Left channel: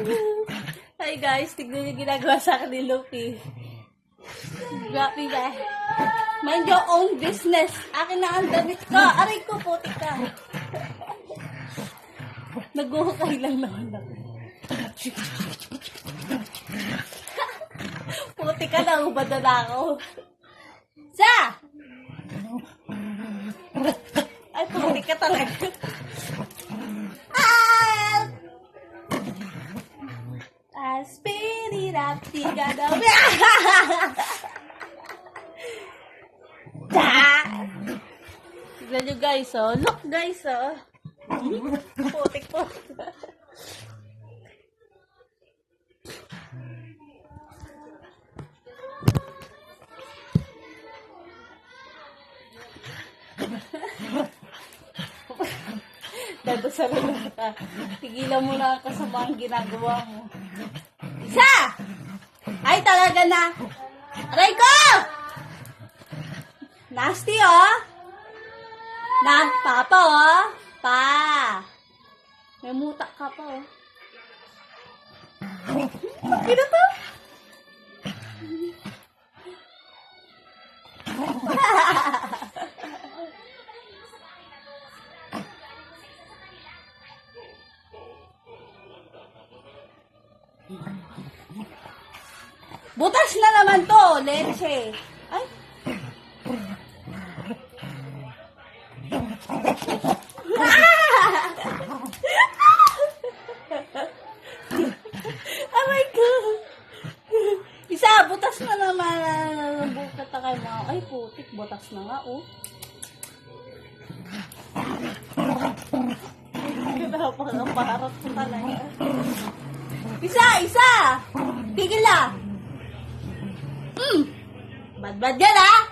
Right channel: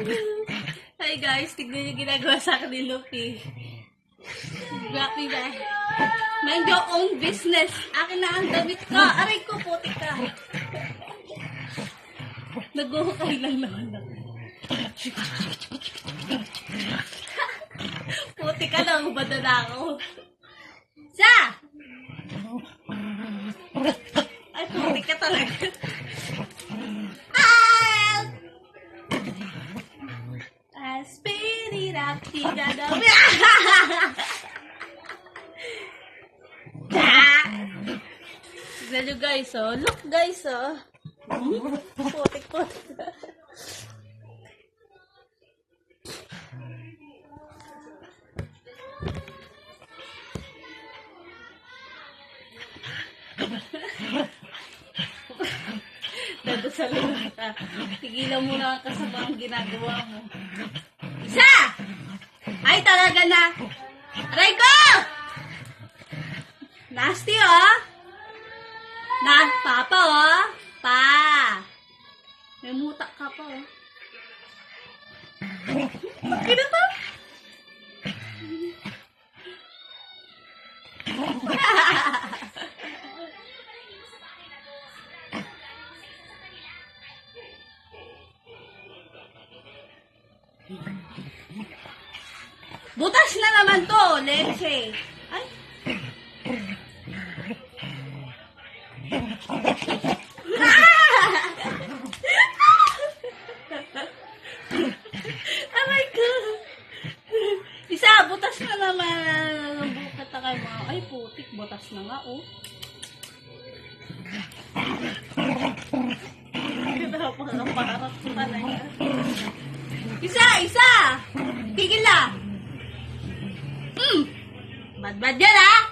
Hi guys, tignan yung ginagawa sa akin ni Lucky. Grabe guys. Mind your own business. Akin na ang damit ko. Aray ko, putik ka. Nag-uhukay lang naman ako. Putik ka lang, ubad na ako. Sa! Ay, putik ka talaga. Spin it up, tignan nyo guys, oh. Look guys, oh. Putik. Dadasalan ka. Tigilan mo na ang kasamang ginagawa mo. Isa! Ay, talaga na. Aray ko! Nasty, oh. Papa, oh. Pa. May mutak ka pa, oh. Kino to? Butas na naman to, leche. Ay. Oh my God. Isa, butas na naman. Bukat na kayo mga. Ay, putik. Butas na nga, oh. Kinapang ang parap ko talaga. Isa! Tigil na! Bad yan, ha?